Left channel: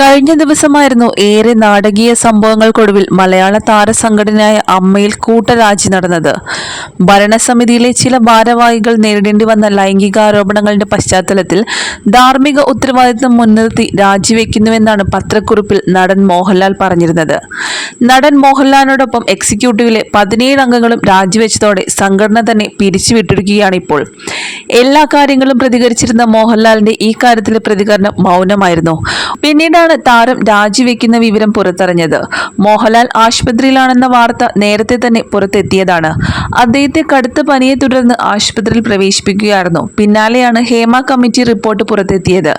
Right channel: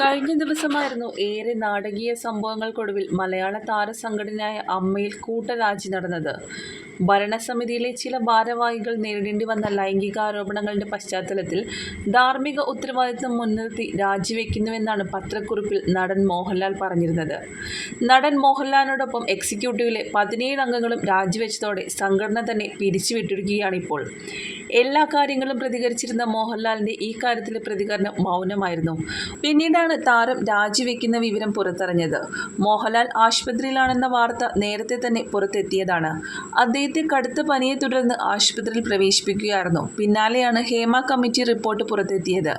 കഴിഞ്ഞ ദിവസമായിരുന്നു ഏറെ നാടകീയ സംഭവങ്ങൾക്കൊടുവിൽ മലയാള താരസംഘടനയായ അമ്മയിൽ കൂട്ടരാജി നടന്നത്. ഭരണസമിതിയിലെ ചില ഭാരവാഹികൾ നേരിടേണ്ടി വന്ന ലൈംഗികാരോപണങ്ങളുടെ പശ്ചാത്തലത്തിൽ ധാർമ്മിക ഉത്തരവാദിത്വം മുൻനിർത്തി രാജിവെക്കുന്നുവെന്നാണ് പത്രക്കുറിപ്പിൽ നടൻ മോഹൻലാൽ പറഞ്ഞിരുന്നത്. നടൻ മോഹൻലാലിനോടൊപ്പം എക്സിക്യൂട്ടീവിലെ പതിനേഴ് അംഗങ്ങളും രാജിവെച്ചതോടെ സംഘടന തന്നെ പിരിച്ചുവിട്ടിരിക്കുകയാണ് ഇപ്പോൾ എല്ലാ കാര്യങ്ങളും പ്രതികരിച്ചിരുന്ന മോഹൻലാലിന്റെ ഈ കാര്യത്തിലെ പ്രതികരണം മൗനമായിരുന്നു. പിന്നീടാണ് താരം രാജിവെക്കുന്ന വിവരം പുറത്തറിഞ്ഞത്? മോഹൻലാൽ ആശുപത്രിയിലാണെന്ന വാർത്ത നേരത്തെ തന്നെ പുറത്തെത്തിയതാണ്. അദ്ദേഹത്തെ കടുത്ത പനിയെ തുടർന്ന് ആശുപത്രിയിൽ പ്രവേശിപ്പിക്കുകയായിരുന്നു. പിന്നാലെയാണ് ഹേമ കമ്മിറ്റി റിപ്പോർട്ട് പുറത്തെത്തിയത്.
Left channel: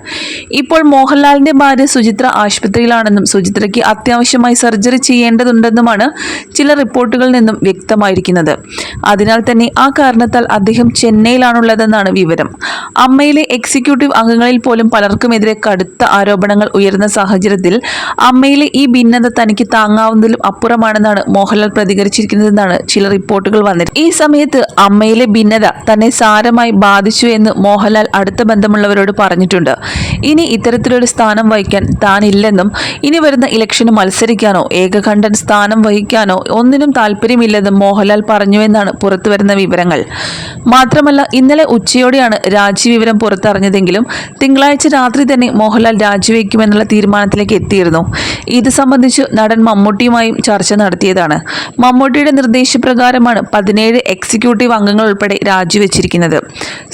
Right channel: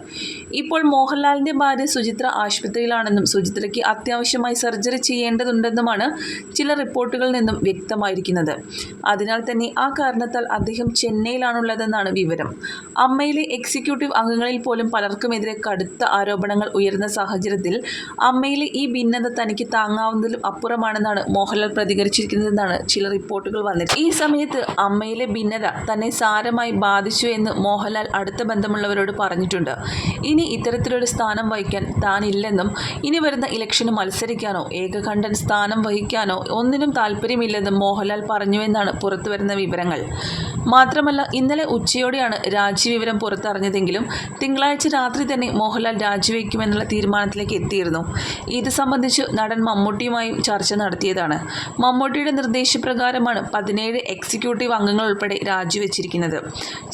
ഇപ്പോൾ മോഹൻലാലിന്റെ ഭാര്യ സുചിത്ര ആശുപത്രിയിലാണെന്നും സുചിത്രയ്ക്ക് അത്യാവശ്യമായി സർജറി ചെയ്യേണ്ടതുണ്ടെന്നുമാണ് ചില റിപ്പോർട്ടുകളിൽ നിന്നും വ്യക്തമായിരിക്കുന്നത്. അതിനാൽ തന്നെ ആ കാരണത്താൽ അദ്ദേഹം ചെന്നൈയിലാണുള്ളതെന്നാണ് വിവരം. അമ്മയിലെ എക്സിക്യൂട്ടീവ് അംഗങ്ങളിൽ പോലും പലർക്കുമെതിരെ കടുത്ത ആരോപണങ്ങൾ ഉയർന്ന സാഹചര്യത്തിൽ അമ്മയിലെ ഈ ഭിന്നത തനിക്ക് താങ്ങാവുന്നതിലും അപ്പുറമാണെന്നാണ് മോഹൻലാൽ പ്രതികരിച്ചിരിക്കുന്നതെന്നാണ് ചില റിപ്പോർട്ടുകൾ വന്നത് ഈ സമയത്ത് അമ്മയിലെ ഭിന്നത തന്നെ സാരമായി ബാധിച്ചു എന്ന് മോഹൻലാൽ അടുത്ത ബന്ധമുള്ളവരോട് പറഞ്ഞിട്ടുണ്ട്. ഇനി ഇത്തരത്തിലൊരു സ്ഥാനം വഹിക്കാൻ താനില്ലെന്നും ഇനി വരുന്ന ഇലക്ഷന് മത്സരിക്കാനോ ഏകകണ്ഠൻ സ്ഥാനം വഹിക്കാനോ ഒന്നിനും താല്പര്യമില്ലെന്നും മോഹൻലാൽ പറഞ്ഞുവെന്നാണ് പുറത്തുവരുന്ന വിവരങ്ങൾ. മാത്രമല്ല ഇന്നലെ ഉച്ചയോടെയാണ് രാജി വിവരം പുറത്തറിഞ്ഞതെങ്കിലും തിങ്കളാഴ്ച രാത്രി തന്നെ മോഹൻലാൽ രാജിവെക്കുമെന്നുള്ള തീരുമാനത്തിലേക്ക് എത്തിയിരുന്നു. ഇത് സംബന്ധിച്ച് നടൻ മമ്മൂട്ടിയുമായും ചർച്ച നടത്തിയതാണ്. മമ്മൂട്ടിയുടെ നിർദ്ദേശപ്രകാരമാണ് പതിനേഴ് എക്സിക്യൂട്ടീവ് അംഗങ്ങൾ ഉൾപ്പെടെ രാജിവെച്ചിരിക്കുന്നത്.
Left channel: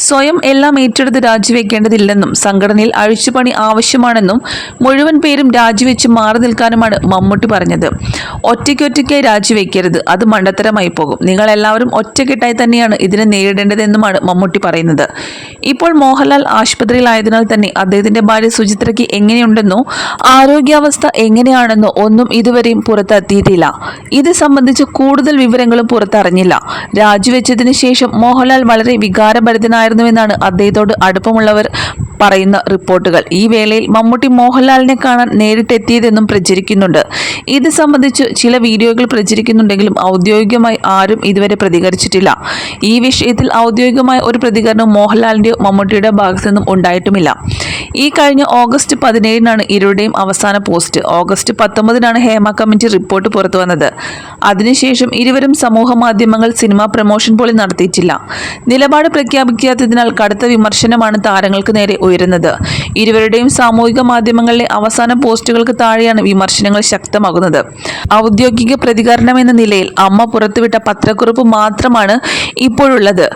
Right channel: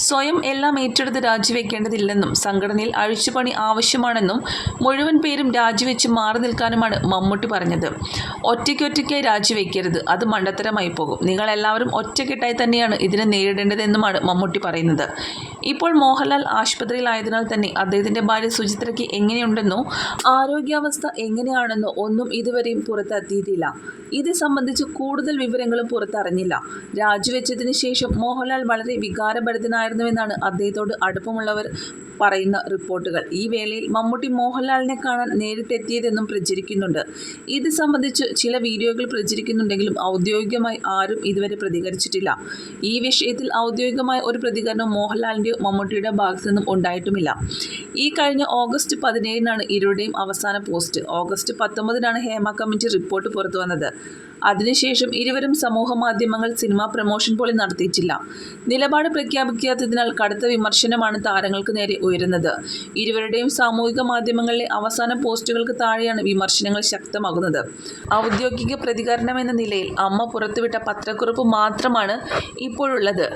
സ്വയം എല്ലാം ഏറ്റെടുത്ത് രാജിവെക്കേണ്ടതില്ലെന്നും സംഘടനയിൽ അഴിച്ചുപണി ആവശ്യമാണെന്നും മുഴുവൻ പേരും രാജിവെച്ച് മാറി നിൽക്കാനുമാണ് മമ്മൂട്ടി പറഞ്ഞത്. ഒറ്റയ്ക്കൊറ്റയ്ക്കായി രാജിവെക്കരുത്. അത് മണ്ടത്തരമായി പോകും. നിങ്ങൾ എല്ലാവരും ഒറ്റക്കെട്ടായി തന്നെയാണ് ഇതിനെ നേരിടേണ്ടതെന്നുമാണ് മമ്മൂട്ടി പറയുന്നത്. ഇപ്പോൾ മോഹൻലാൽ ആശുപത്രിയിലായതിനാൽ തന്നെ അദ്ദേഹത്തിന്റെ ഭാര്യ സുചിത്രയ്ക്ക് എങ്ങനെയുണ്ടെന്നോ ആരോഗ്യാവസ്ഥ എങ്ങനെയാണെന്നോ ഒന്നും ഇതുവരെയും പുറത്തെത്തിയിട്ടില്ല. ഇത് സംബന്ധിച്ച് കൂടുതൽ വിവരങ്ങളും പുറത്തറിഞ്ഞില്ല. രാജിവെച്ചതിന് ശേഷം മോഹൻലാൽ വളരെ വികാരഭരിതനായിരുന്നുവെന്നാണ് അദ്ദേഹത്തോട് അടുപ്പമുള്ളവർ പറയുന്ന റിപ്പോർട്ടുകൾ. ഈ വേളയിൽ മമ്മൂട്ടി മോഹൻലാലിനെ കാണാൻ നേരിട്ടെത്തിയതെന്നും പ്രചരിക്കുന്നുണ്ട്. ഇത് സംബന്ധിച്ച് ചില വീഡിയോകൾ പ്രചരിക്കുന്നുണ്ടെങ്കിലും ഔദ്യോഗികമായി ആരും ഇതുവരെ പ്രതികരിച്ചിട്ടില്ല. ഈ വിഷയത്തിൽ ഔദ്യോഗികമായ ഒരു പ്രതികരണം മോഹൻലാലിന്റെയോ മമ്മൂട്ടിയുടെ ഭാഗത്തു നിന്നും ഉണ്ടായിട്ടുമില്ല. ഈ കഴിഞ്ഞ ഓഗസ്റ്റ് പതിനേഴിനാണ് ഇരുവരുടെയും അവസാന പോസ്റ്റ്. ഓഗസ്റ്റ് പത്തൊമ്പതിനാണ് ഹേമ കമ്മിറ്റി റിപ്പോർട്ട് പുറത്തു വന്നത്. അതിനുശേഷം ഇരുവരും സമൂഹ മാധ്യമങ്ങൾ സിനിമാ പ്രമോഷൻ പോലും നടത്തിയിട്ടില്ല. നിലപാട് പ്രഖ്യാപിക്കാത്തതിനാൽ കടുത്ത വിമർശനമാണ് താരങ്ങൾക്ക് നേരെ ഉയരുന്നത്. ഇരുവരുടെയും സാമൂഹിക മാധ്യമങ്ങളിലെ അവസാന പോസ്റ്റുകൾക്ക് താഴെയാണ് വിമർശനങ്ങൾ ശക്തമാകുന്നത്. ഔദ്യോഗിക പ്രതികരണം എന്ന നിലയിൽ അമ്മ പുറത്തുവിട്ട പത്രക്കുറിപ്പ് മാത്രമാണ് ഇപ്പോഴുള്ളത്.